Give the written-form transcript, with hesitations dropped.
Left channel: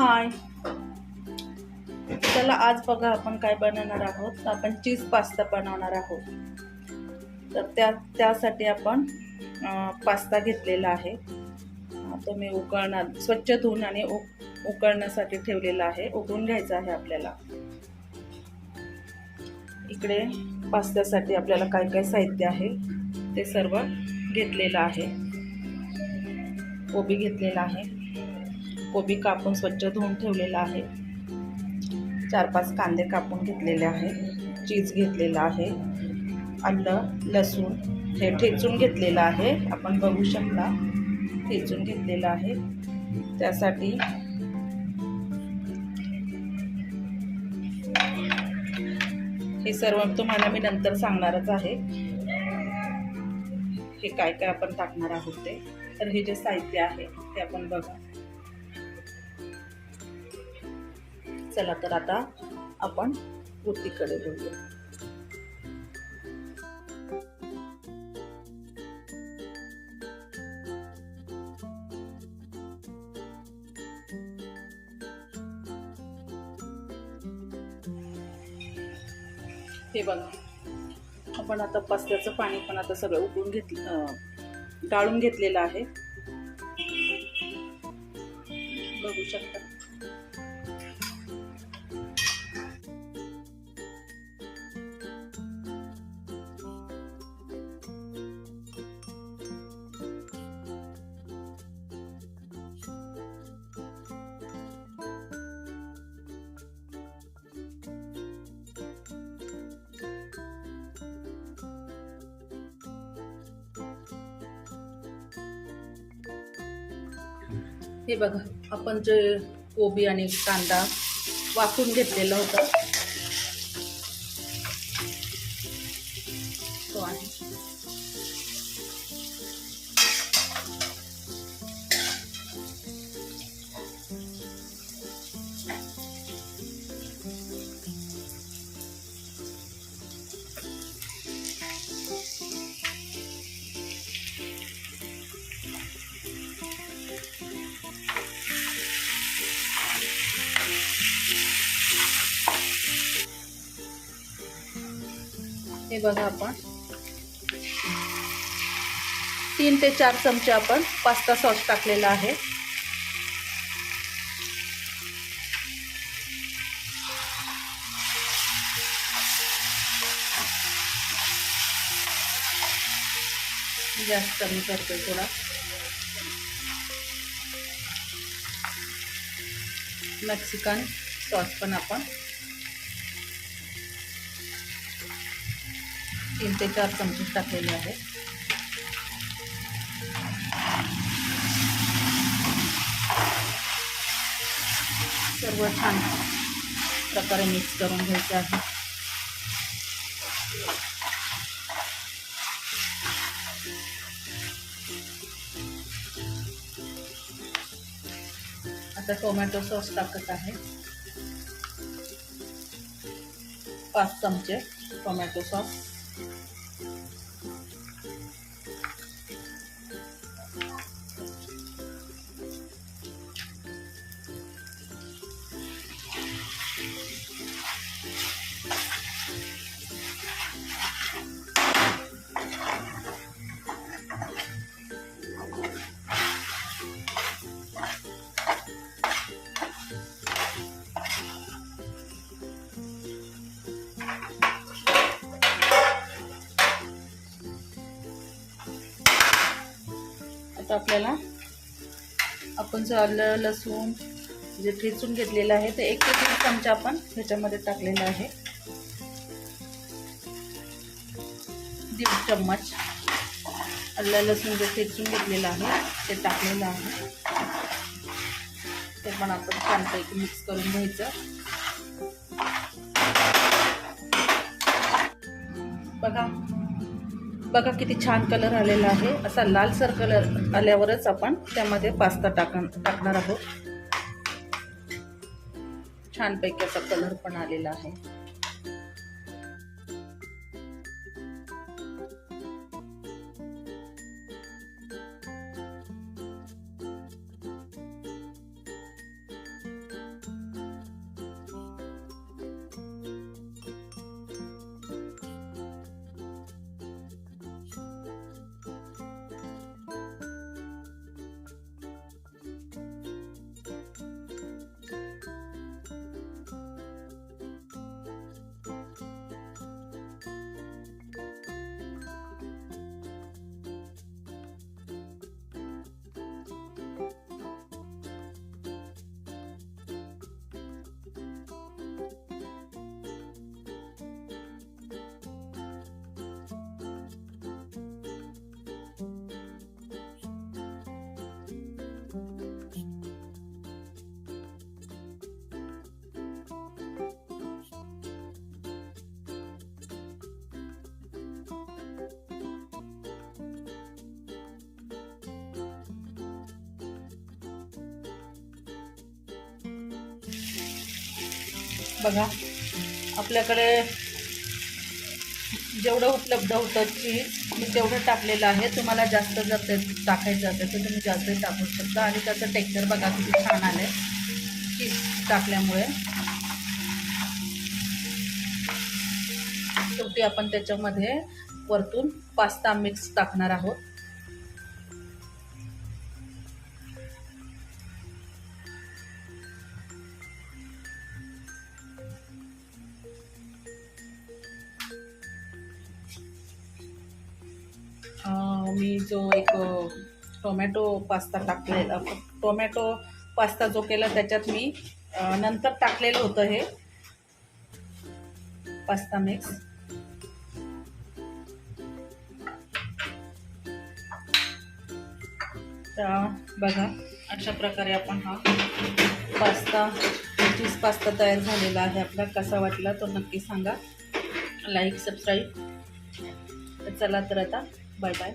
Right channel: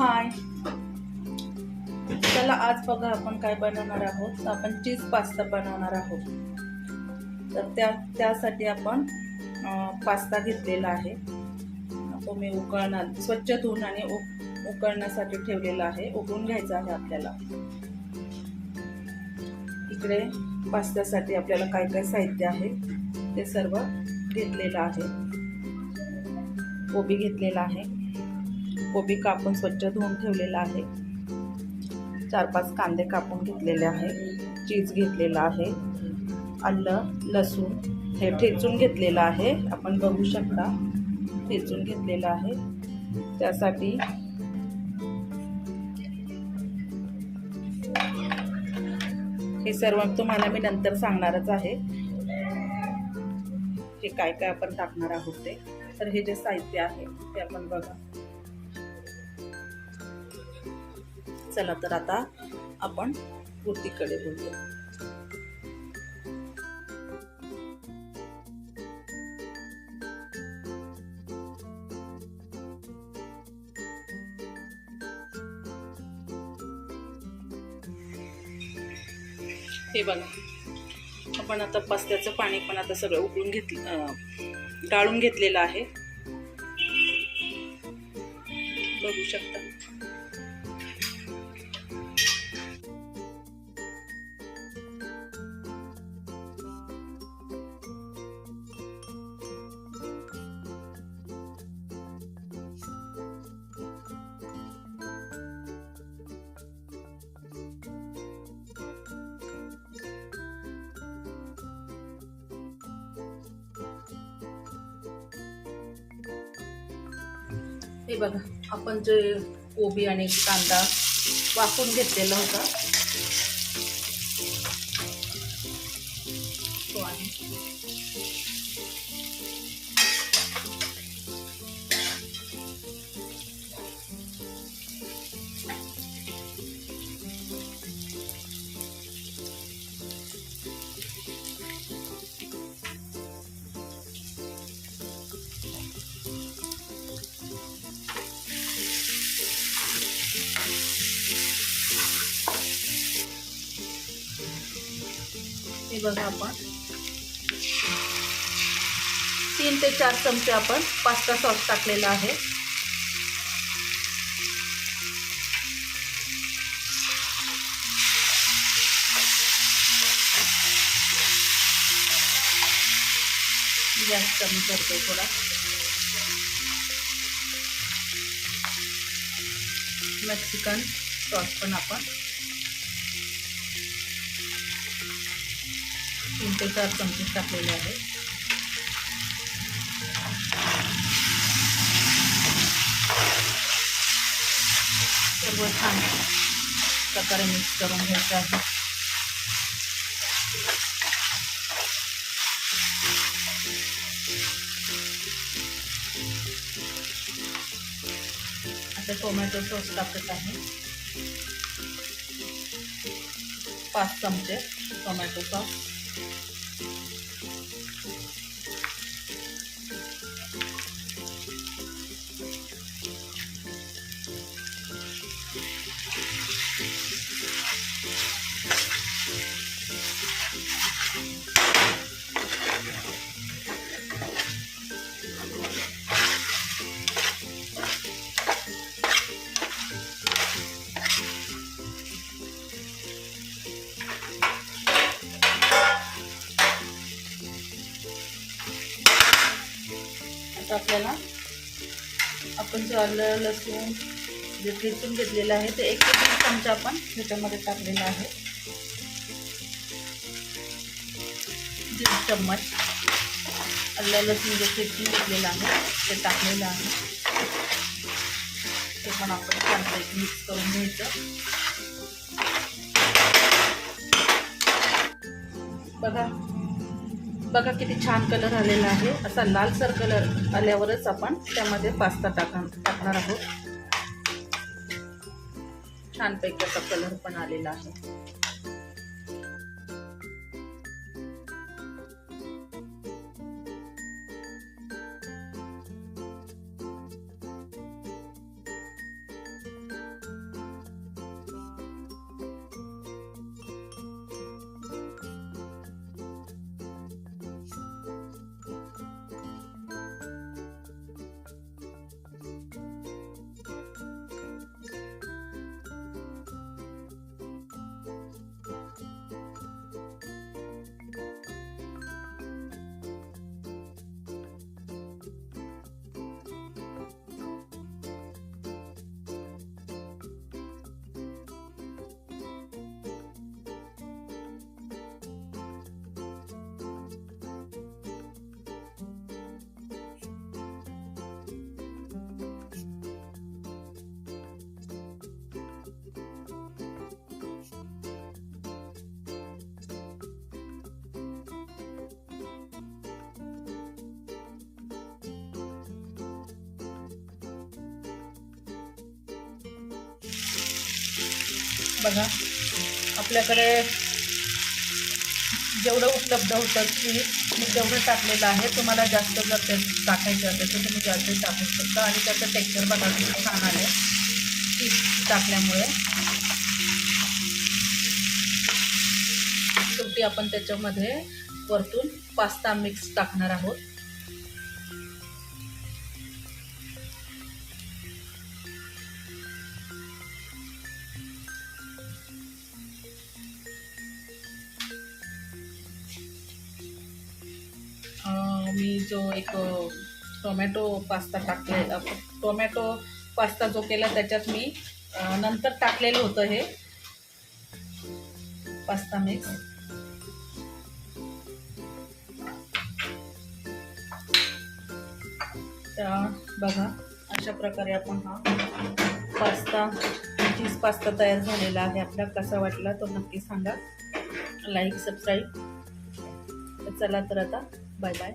हाय. चला आज बघा आपण काय बनवणार आहोत. तर आपण चीज पास्ता बनवणार आहोत. तर त्यासाठी आपण पास्ता घेतलेला आहे. तो मी स्वच्छ धुवून आणि उकळण्यासाठी ठेवलेला आहे. उकळून घ्यायचा आहे आपल्याला. इकडे पास्त्यासाठी आपल्याला काय काय साहित्य आहे ते सर्व घेतलेलं आहे. कोबी घेतलेला आहे. कोबी कापून स्वच्छ धुवून ठेवलेला आहे. 4-5 कांदे कापून घेतलेले आहे. चीज घेतलेला आहे. आलं लसूण हे ठेचून घेतलेलं आहे. आपण बघू शकता ठेचून घेतलेलं आहे. त्यासाठी हे सर्व तुम्हाला मी नंतर सांगणारच आहे हे काय काय आपण टाकणार आहोत ते. तर हे जे साहित्य आहे ते आपण बघा. चला तर आता आपण कृतीकडे बोलूया. हे बघा आपण आता पास्त्याचं पाणी पण आता सगळं उकळून गाळून घेतलेलं आहे. बघू शकता. हे बघा आपण जे कोबी आणि कांदा वाफून घेतलेला होता तो आहे. हे बघा आपण 3 ते 4 चमचे आपण पास्ता सॉस टाकलेला आहे. गॅस कमी करते थोडा. मेक्सिकन सॉस पण आपण 3 ते 4 चमचे टाकलेले आहे. सर्व छान प्रकारे मिक्स करून घ्यायचे आहे. आता टोमॅटो सॉस टाकत आहे. 5 चमचे टोमॅटो सॉस. आता आपल्याला आपण जो आलं लसूण जे ठेचून घेतलेलं आहे ते 1 ते 2 चमचा आपण ह्याच्यामध्ये टाकलेलं आहे. 1.5 चम्मच आलं लसूण जे ठेचून घेतलेलं आहे ते टाकलेलं आहे. ते पण आपण छानपैकी मिक्स करून घ्यायचं. बघा किती छान कलर आलेला आहे. असा लालसर कलर आल्यावरच आपण त्यामध्ये पास्ता टाकणार आहोत. छानपैकी असा कलर पण आलेला आहे. बघा आपल्याकडे जेवढं उपलब्ध होतं चीज मी तेवढं टाकलेलं आहे. तुम्हाला जास्त जर ते टाकायचं असेल तर तुम्ही जास्त टाकू शकता. आणि त्याचं टेक्स्चर बघा किती छान आलं आहे चीज टाकल्यामुळे. शेवटी आपण त्याच्यामध्ये वरतून पास्ता मिक्स टाकणार आहोत. मी जो एक टोमॅटो पास्ता टोमॅटो पास्ता जो केला त्याच्यात मी नंतर टाकलेलं होतं हे पास्ता मिक्स. तर बघा अशा प्रकारे आपण हा पास्ता चीज पास्ता तयार झालेला आहे आपला. कसा वाटला तो नक्की सांगा. Like subscribe. तर चला तर आता बाय बाय.